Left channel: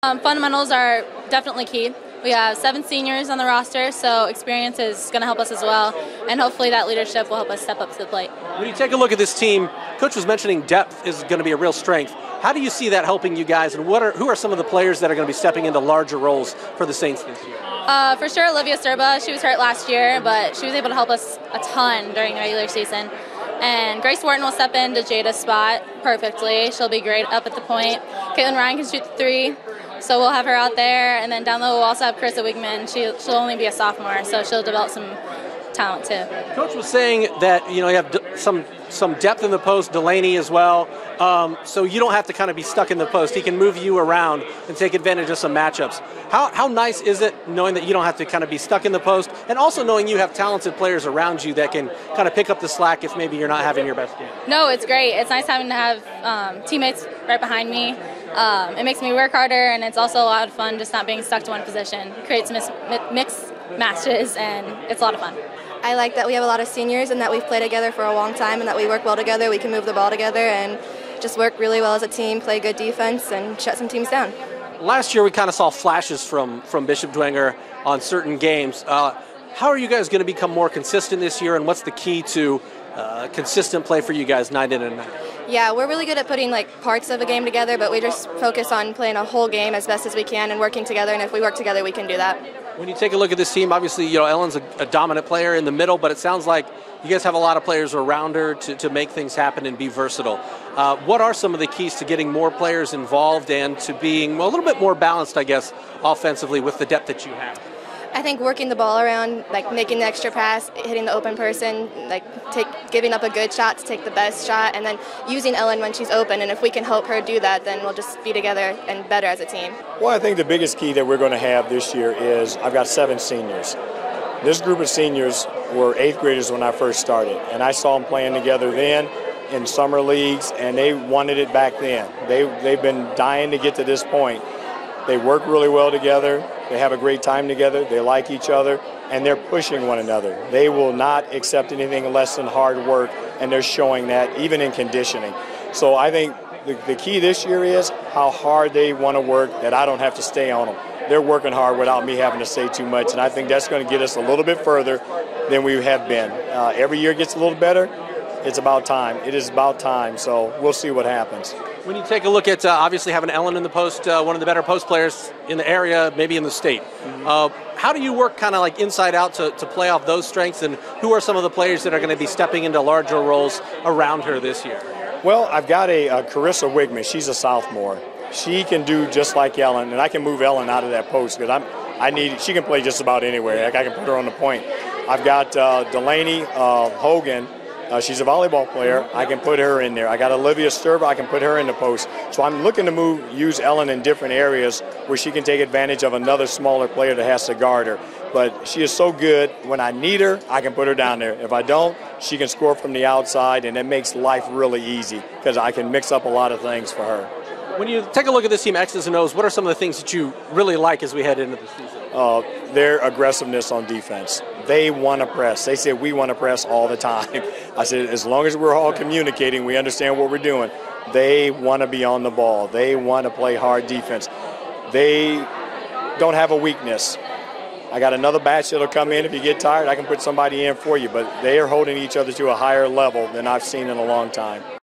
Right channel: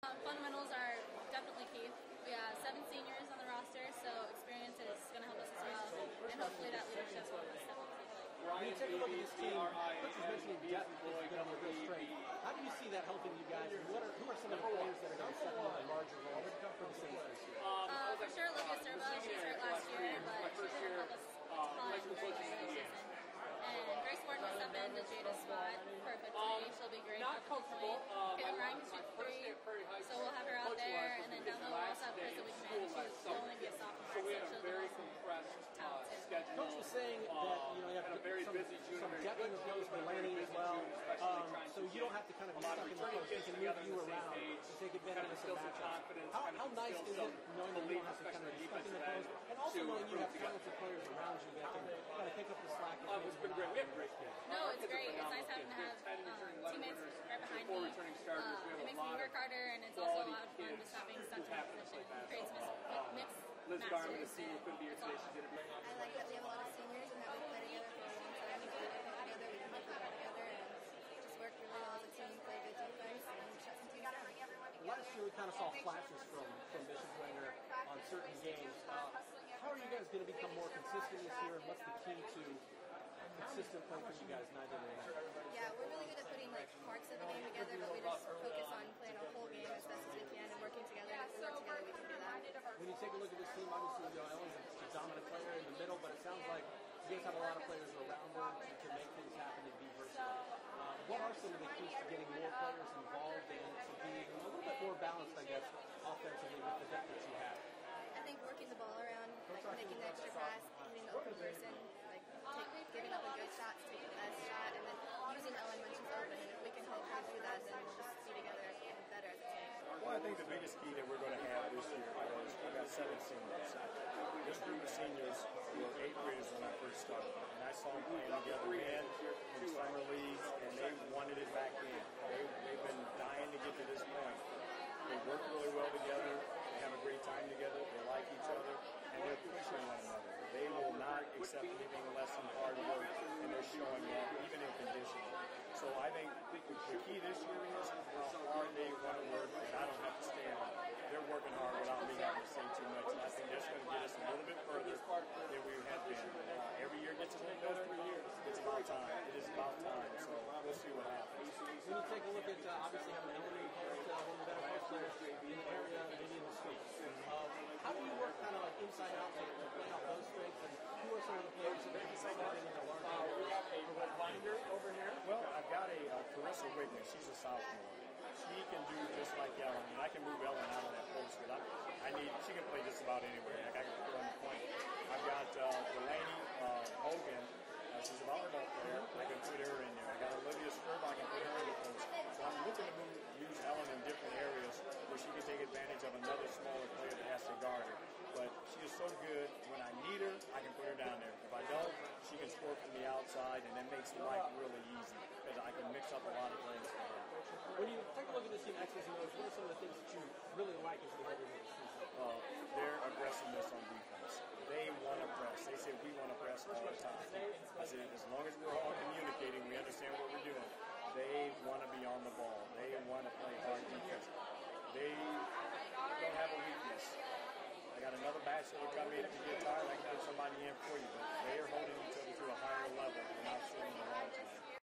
Fundamentals are definitely key. We have 7 seniors on the roster, so experience is going to help us as well, and hopefully that leadership will help us step up to the plate. When you take a look at this team, Coach was mentioning depth is going to be a real strength. How do you see that helping you guys, and who are some of the players that are going to be stepping into larger roles for the Saints this year? For sure, Olivia Serba. She was hurt last year, but she was able to help us a ton during the regular season. And Grace Wharton will step into Jada's spot perfectly. She'll be great up at the point. Caitlyn Ryan can shoot the 3, so we'll have her out there. And then down low, we'll also have Carissa Wigman. She'll only be a sophomore, so she'll develop some talent too. Coach was saying that you have some depth in the post, Delaney as well, so you don't have to kind of be stuck in the post. He can move you around and take advantage of some matchups. How nice is it knowing that you don't have to kind of be stuck in the post, and also knowing you have talented players around you that can kind of pick up the slack if maybe you're not having your best game? No, it's great. It's nice having to have teammates right behind me. It makes me work harder, and it's also a lot of fun just not being stuck to one position. It creates mixed matches, and it's a lot of fun. I like that we have a lot of seniors and that we've played together for a long time and that we work well together. We can move the ball together and just work really well as a team, play good defense, and shut some teams down. Last year we kind of saw flashes from Bishop Dwenger on certain games. How are you guys going to become more consistent this year, and what's the key to consistent play for you guys night in and night out? Yeah, we're really good at putting parts of a game together, but we just focus on playing a whole game as best as we can and working together, and if we work together we can do that. When you take a look at this team, obviously Ellen's a dominant player in the middle, but it sounds like you guys have a lot of players around her to make things happen and be versatile. What are some of the keys to getting more players involved and to being a little bit more balanced, I guess, offensively with the depth that you have? I think working the ball around, making the extra pass, hitting the open person, giving up a good shot to take the best shot, and then using Ellen when she's open. And if we can help her do that, then we'll just be together and better as a team. Well, I think the biggest key that we're going to have this year is I've got 7 seniors. This group of seniors were 8th graders when I first started, and I saw them playing together then in summer leagues, and they wanted it back then. They've been dying to get to this point. They work really well together. They have a great time together. They like each other, and they're pushing one another. They will not accept anything less than hard work, and they're showing that even in conditioning. So I think the key this year is how hard they want to work, that I don't have to stay on them. They're working hard without me having to say too much, and I think that's going to get us a little bit further than we have been. Every year gets a little better. It's about time. It is about time, so we'll see what happens. When you take a look at obviously having Ellen in the post, one of the better post players in the area, maybe in the state, how do you work kind of inside out to play off those strengths, and who are some of the players that are going to be stepping into larger roles around her this year? Well, I've got a Carissa Wigman. She's a sophomore. She can do just like Ellen, and I can move Ellen out of that post because she can play just about anywhere. I can put her on the point. I've got Delaney Hogan. She's a volleyball player. I can put her in there. I got Olivia Serba. I can put her in the post. So I'm looking to use Ellen in different areas where she can take advantage of another smaller player that has to guard her. But she is so good. When I need her, I can put her down there. If I don't, she can score from the outside, and it makes life really easy because I can mix up a lot of things for her. When you take a look at this team, X's and O's, what are some of the things that you really like as we head into the season? Their aggressiveness on defense. They want to press. They say we want to press all the time. I said, as long as we're all communicating, we understand what we're doing. They want to be on the ball. They want to play hard defense. They don't have a weakness. I got another batch that'll come in. If you get tired, I can put somebody in for you. But they are holding each other to a higher level than I've seen in a long time.